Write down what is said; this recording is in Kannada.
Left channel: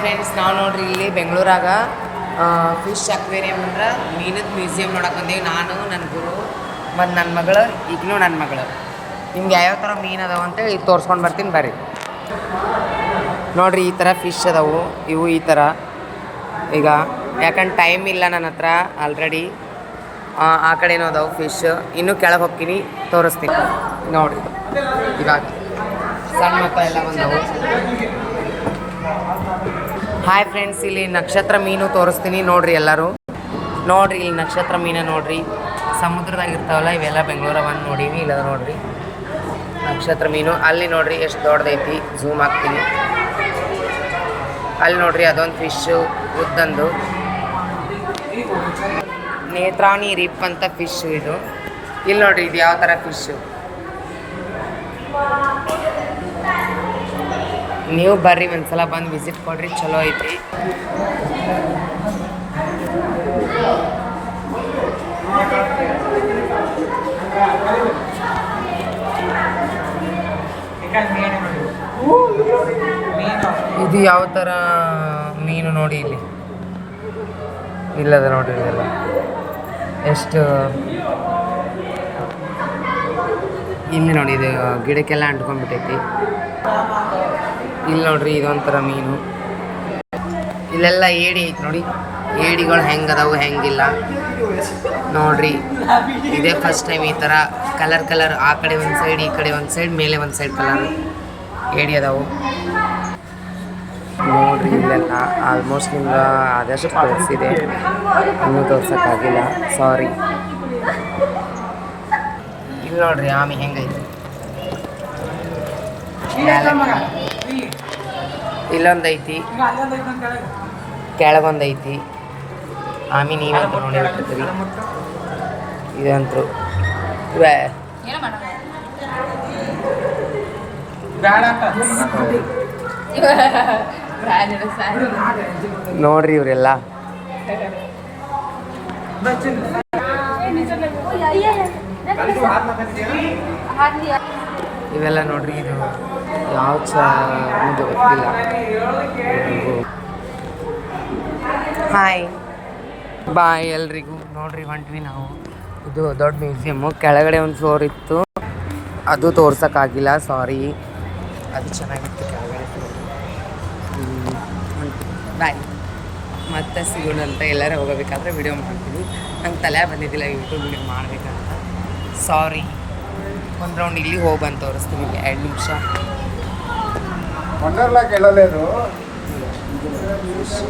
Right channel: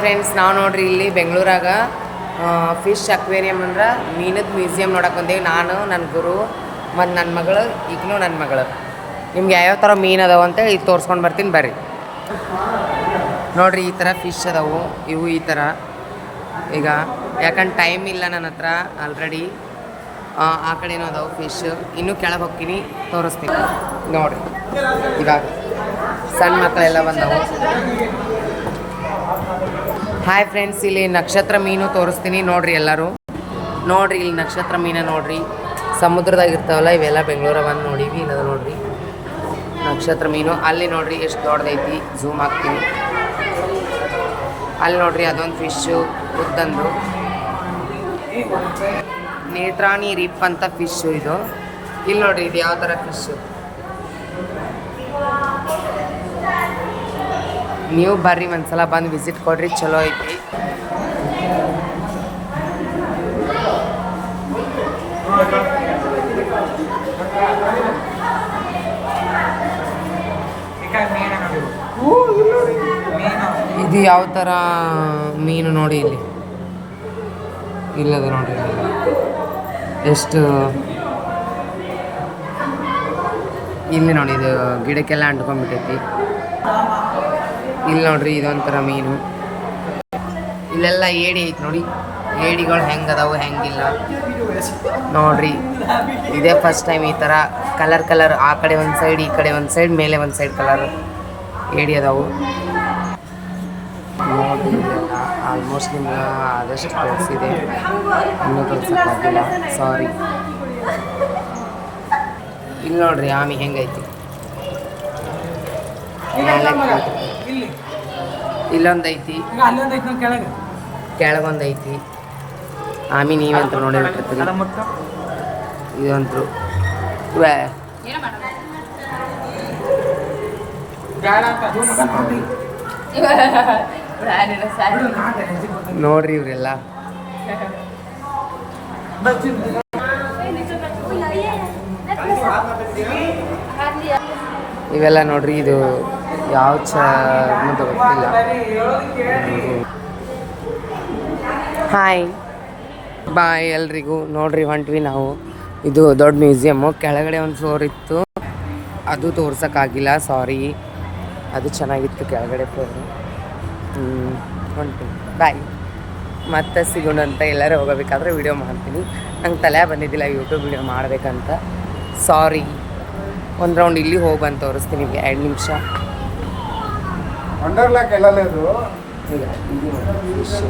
ಫ್ರೆಂಡ್ಸ್ ನಾವು ನೋಡ್ರಿ ಇಲ್ಲಿ ಬೆಂಗಳೂರಾಗ ಫಿಶ್ ಅಕ್ವೇರಿಯಂ ಅಂದ್ರೆ ಮೀನದ ಮ್ಯೂಸಿಯಂ ನೋಡಕ್ಕೆ ಬಂದೇವಿ. ನಾನು ನನ್ನ ಗುರು ಮತ್ತು ನನ್ನ ಮಗಳು ಈಗಲೂ ನನ್ನ ಮಗಳು. ನಿಮ್ಗೆ ಯಾವ್ಯಾವ ಥರ ಮೀನು ಅದಾವೆ ಅಂತ ಈಗ ತೋರಿಸ್ಕೊಂಡು ಬರ್ತೀನಿ ಬರ್ರಿ. ನೋಡಿರಿ ಈ ಥರ ಫಿಶ್ ಅದಾವು. ಇವು ಈ ಥರ ಈಗ ಯಾಕಂದ್ರೆ ಟೈಮ್ ಇಲ್ಲ ನನ್ನ ಹತ್ರ ಆಲ್ರೆಡಿ. ಆ ಕಡೆನೂ ಅದಾವೆ ಫಿಶ್. ಇನ್ನೂ ಕೆಳಗೆ ಹೋಗ್ತೀನಿ ತೋರಿಸ್ತೀನಿ ನೋಡಿರಿ. ಇವಾಗ ಸಣ್ಣ ಮಕ್ಕಳ ಎಲ್ಲ ಬಂದವು. ಹಾಯ್ ಫ್ರೆಂಡ್ಸ್, ಇಲ್ಲಿ ನಕ್ಷತ್ರ ಮೀನು ತೋರಿಸ್ತೀನಿ ನೋಡಿರಿ ಎಲ್ಲರೂ. ನೋಡಿರಿ ಇಲ್ಲಿ ನಕ್ಷತ್ರ ಮೀನು ನೋಡಿರಿ, ಸಮುದ್ರದಾಗ ಇರ್ತಾವಲ್ಲ ಇವೆಲ್ಲ ಬೆಂಗಳೂರ ಬಂದು ನೋಡೀವಿ. ಇಲ್ಲದ ನೋಡಿರಿ ನಕ್ಷತ್ರ ಮೀನು. ಅಲ್ಲಿ ನೋಡಿರಿ ಎಷ್ಟು ದೊಡ್ಡದೈತಿ, ಝೂಮ್ ಹಾಕ್ತೀನಿ. ಅಲ್ಲಿ ನೋಡಿರಿ ಅದೊಂದು ಫಿಶ್ಶು ಉದ್ದಂದು ನೇತ್ರಾಣಿ ರಿಪ್ ಅಂತ ಫಿಶ್ಶು ಇದು. ಇಲ್ಲಿ ನೋಡಿರಿ ಇದು ಯಾವ ಥರ ಫಿಶ್ಶು. ನೀವು ಬರ್ರಿ ಒಂದ್ಸಲ ಬಂದು ವಿಸಿಟ್ ಕೊಡ್ರಿ, ಚಲೋ ಐತಿ. ಇದು ಯಾವ ಥರ ಮೀನು ನೋಡಿ ಇಲ್ಲಿ ಇಲ್ಲದ ನೋಡ್ರಿ. ಇದೆಲ್ಲ ಎಷ್ಟು ಇಲ್ಲಿ ನೋಡಿ, ಇದು ಗಿಡಕ್ಕೆಲ್ಲ ಅಂಟ್ಕೊಂಡ್ಬಿಟ್ಟೈತಿ. ಇಲ್ಲಿ ನೋಡ್ರಿ ಇದೊಂಥರ ಮೀನು. ಇಲ್ಲೆಲ್ಲ ಏಡಿ ಐತಿ ನೋಡಿ, ಏಡಿಗಳು ಹೆಂಗೆ ಅದಾವು ಹೆಂಗಿಲ್ಲ ನೋಡ್ರಿ. ಇದೇ ಫಸ್ಟ್ ಟೈಮ್ ಈ ಥರ ಕಲರ್ ಆ ಕಡೆ ಒಂದು ಸೈಡ್ ಈ ಕಡೆ ಒಂದು ಸೈಡ್ ಮೇಲೆ ಒಂದು ಸೈಡ್ ಕಲರ್ ಏಡಿ ಅದಾವು ನೋಡ್ರಿ. ಇಲ್ಲೆಲ್ಲ ಆಲ್ಮೋಸ್ಟ್ ನಿಮ್ಗೆ ಆದಷ್ಟು ತೋರಿಸಿದೆ, ಇನ್ನೂ ತೋರ್ಸೋಕ್ಕಾಗಿಲ್ಲ, ಸಾರಿ. ಇಲ್ಲಿ ನೋಡ್ರಿ ಆಮಿ ಹೆಂಗೈತಿ ಮೇಲೆ. ಇಲ್ಲೊಂದೈತಿ, ಕೆಳಗೊಂದೈತಿ ಆಮಿ. ನೀವಂತೂ ನೋಡಿ ಬಿಟ್ಟಿರ್ತೀರಿ. ಇದಂತೂ ನೋಡ್ರಿ ಇವರೆಲ್ಲ. ಇವೆಲ್ಲ ನೋಡ್ರಿ, ಇದು ಯಾವ ಚರ್ಮದ ಗೊತ್ತಿಲ್ಲ. ಹಾಯ್ ಬಾಯ್ ಎಲ್ರಿಗೂ. ನೋಡ್ರಿ ಹೊಂಟ್ವಿ ನಾವು. ಇದು ದೊಡ್ಡ ಮ್ಯೂಸಿಯಮ್ಮು. ಕೆಳಗಡೆ ಒಂದು ಫ್ಲೋರ್ ಇತ್ತು, ಅದು ತೋರ್ಸೋಕ್ಕಾಗಿಲ್ಲ, ಸಾರಿ. ಅದು ಚೆನ್ನಾಗಿತ್ತು ಕೆಳಗಡೆ ಫ್ಲೋರು. ಹೊಂಟ್ವಿ, ಬಾಯ್. ಮತ್ತೆ ಸಿಗೋಣ ಅಂತ. ಎಲ್ಲರೂ ಹೋಗಬೇಕಾದ್ರೆ ವಿಡಿಯೋ ಮಾಡ್ತೀನಿ. ನಂಗೆ ತಲೆ ಬಂದಿದ್ದಿಲ್ಲ ಯೂಟ್ಯೂಬ್ ವಿಡಿಯೋ ಮಾಡಬೇಕಂತ, ಸಾರಿ. ಒಂದು ರೌಂಡ್ ಇಲ್ಲಿ ಹೋಗಿ ಬಂದು ತೋರಿಸ್ತೀನಿ 2 ನಿಮಿಷ. ಇಲ್ಲ ಇದು ನೋಡಿ ಫಿಶ್.